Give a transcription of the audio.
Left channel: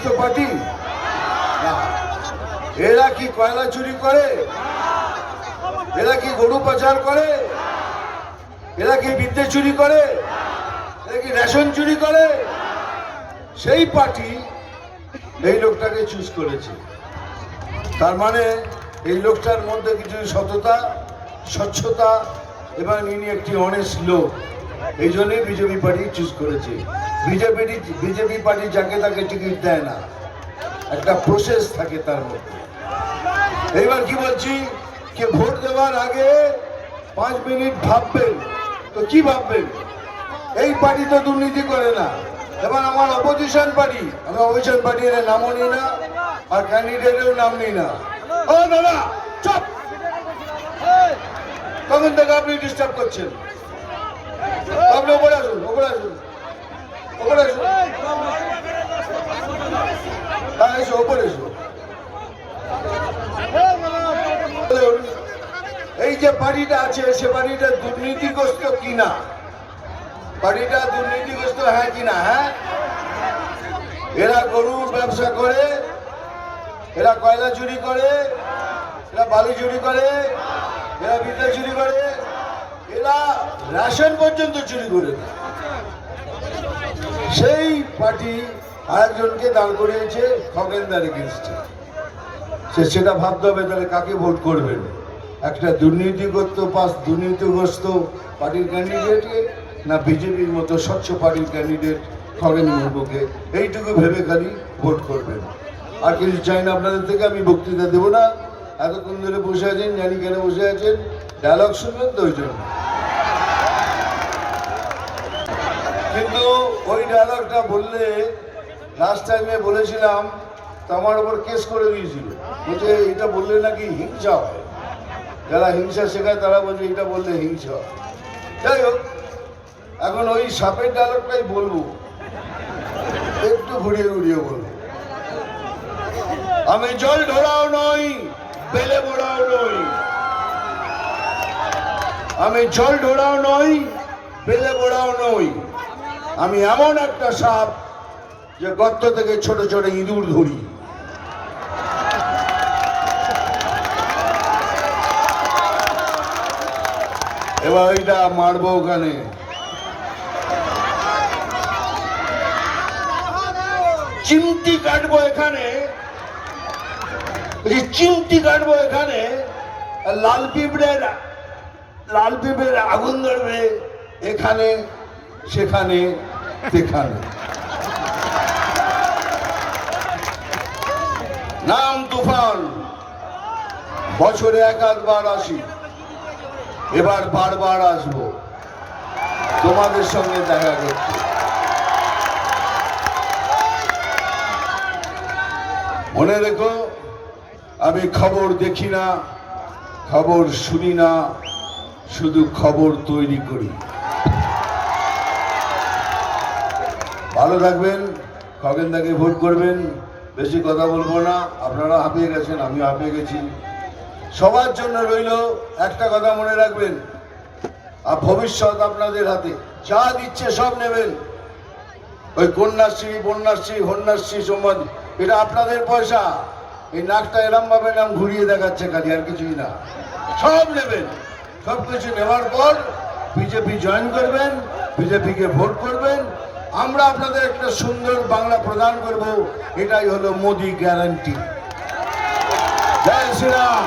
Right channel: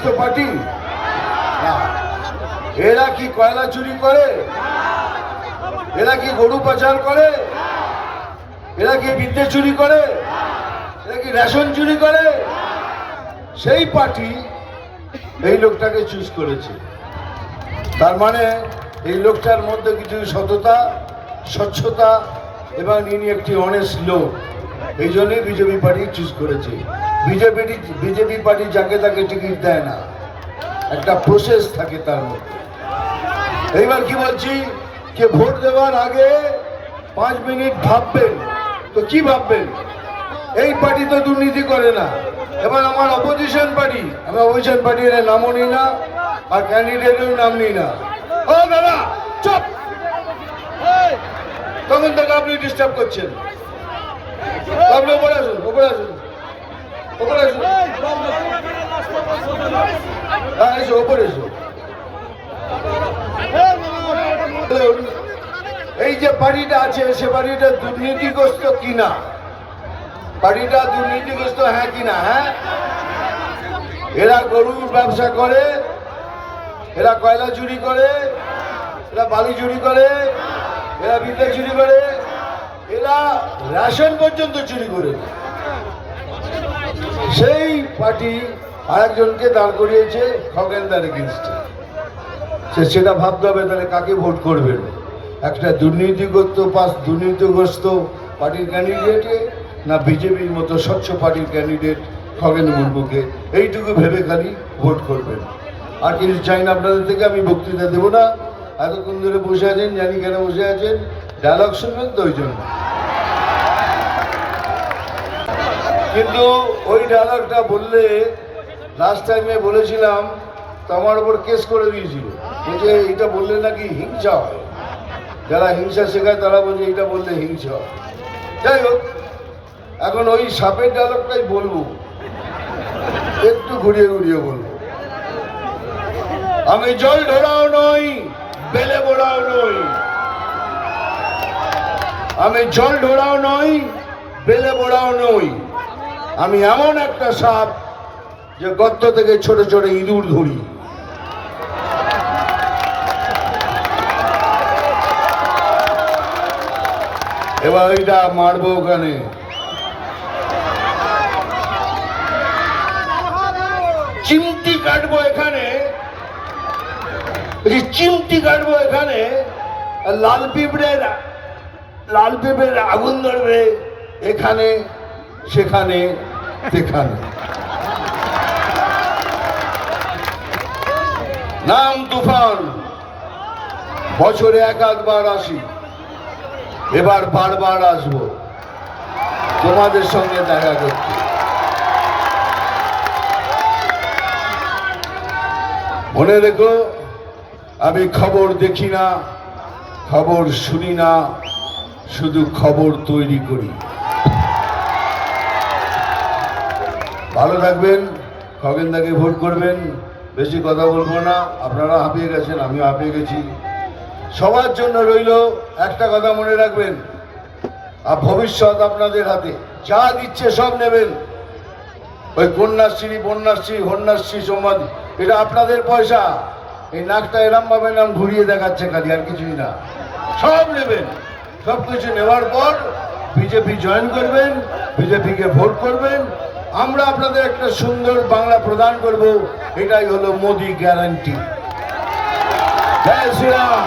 দুর্নীতিগ্রস্ত পার্টি। এরা কি কয়লা চুরি করে? এরা কি গরু পাচার করে? এরা কি বিদ্যে চুরি করে? এরা কি রেশন চুরি করে? সেই পার্টি এই লোকটাকে চুজ করেছে। তার মানে এই লোকটার মধ্যে কিছু সততা, স্বচ্ছতা, এবং ইনি একটি অনেস্ট লোক। এই জন্যই বিজেপি পার্টি চুজ করেছে। বিজেপি বিজেপি পার্টি যাকে তাকে টিকিট দেয় না। একটা প্রসেস থাকে তার মধ্যে। এইবার কি বলছি? যে ভোট দেওয়ার আগে পাঁচ মিনিট ভাববেন। তো কি ভাববেন? এই পার্টি তো দুর্নীতি করে না। এবার আমার অপোজিশন পার্টি, আমি অপোজিশন পার্টির নামও নিই না, আর ক্যান্ডিডেটের নাম নিই না। ও দাদা, চপ! তখন থেকে আপনি ডিস্টার্ব করছেন। আপনি ওপরে আসুন ওপরে আসুন। হ্যাঁ এই যে বাড়িটা আছে, সে বাড়িটা দুর্নীতিগ্রস্ত কিনা? বাড়িটা দুর্নীতিগ্রস্ত হ্যাঁ কিনা হ্যাঁ? এরা গরুর ব্যবসা করে, এরা কয়লা চুরি করে, এরা বালি চুরি করে, এরা বিদ্যা চুরি করে, এরা রেশন পর্যন্ত চুরি করে। সেই পার্টি আরেকজনকে দাঁড় করিয়েছে খগেনদার এগেনস্টে সে সেটা ভাবতে হবে, তাহলে কাকে ভোট করবেন? একটা দুর্নীতিগ্রস্ত পাস, দুর্নীতিগ্রস্ত পার্টির ক্যান্ডিডেটে না বিজেপির মতো স্বচ্ছ পার্টির ক্যান্ডিডেট খগেন মুর্মুকে? এইটুকু ভেবে খালি ভোট করবেন। আর কিছু চাই না আপনাদের থেকে, আমি বক্তৃতা দেবো না। এতক্ষণ ধরে বসে আছেন, জানি কেন বসে আছেন। ডায়লগ শুনবেন তো ওই জন্য। কিন্তু ওই ডায়লগটা বললে লাস্ট টাইমে বলেছিলাম তো আমার ওপর কেস করে দিয়েছিল। বলছে, এটা বললে নাকি হিংসা হয়? যারা হিংসা শেখায় তারা বলছে, এটা বললে হিংসা হয়। যাই হোক, এখন ওই সাপের ডায়লগটাই বলব। একটু ঘুরিয়ে ঘুরিয়ে বলব। আমি জল ঢোড়াও নই, বেলে বোড়াও নই। আমি জল ঢোড়াও নই, বেলে বোড়াও নই। আমি এমন একটা সাপ যে গর্ত থেকে ছোট ছোট ইঁদুর ধরি। এবার ওইটা মারবো ওখানে। চিমটি কাটবো এখানে। চিমটি কাটবো এখানে লাল পিঁপড়ের লাল পিঁপড়ের আগুন ধরবে এখানে। সেখানে সেখানে। নাম তুফান। বছরে এক একবার আসি। এবার বারবার আসব। তোমাদের সঙ্গে দেখা করতে মনে রেখো, আমি খবর দেখি না, খবর শুনি না, শুধু খবর তৈরি করি। ভালো থাকবেন, খগেনদাকে ভোট করবেন, বেশি কথা বলব না, আপনারা হাঁপিয়ে গেছেন, আমিও হাঁপিয়ে গেছি। সবার জন্য রইল একটা কথা মনে রাখবেন, আর ভবিষ্যৎ আপনাদের হাতে, যা দিচ্ছে সব নেবেন। ওই কন্যাশ্রী, বন্যাশ্রী হন্যাশ্রী সমাজ, এটা আপনাদের পয়সা। এই নাকটা এরম ভাবে নাম ঘুরিয়ে দেখাচ্ছে খালি, আর কিছুই না। সব নেবেন সব কিছু নেওয়ার পর বিজেপি জয়েন করবেন, বিজেপিকে ভোট করবেন আমরা আপনাদের একটা সুন্দর বাংলা প্রদান করব এটাই হলো মোদি গ্যারান্টি জয় শ্রীরাম।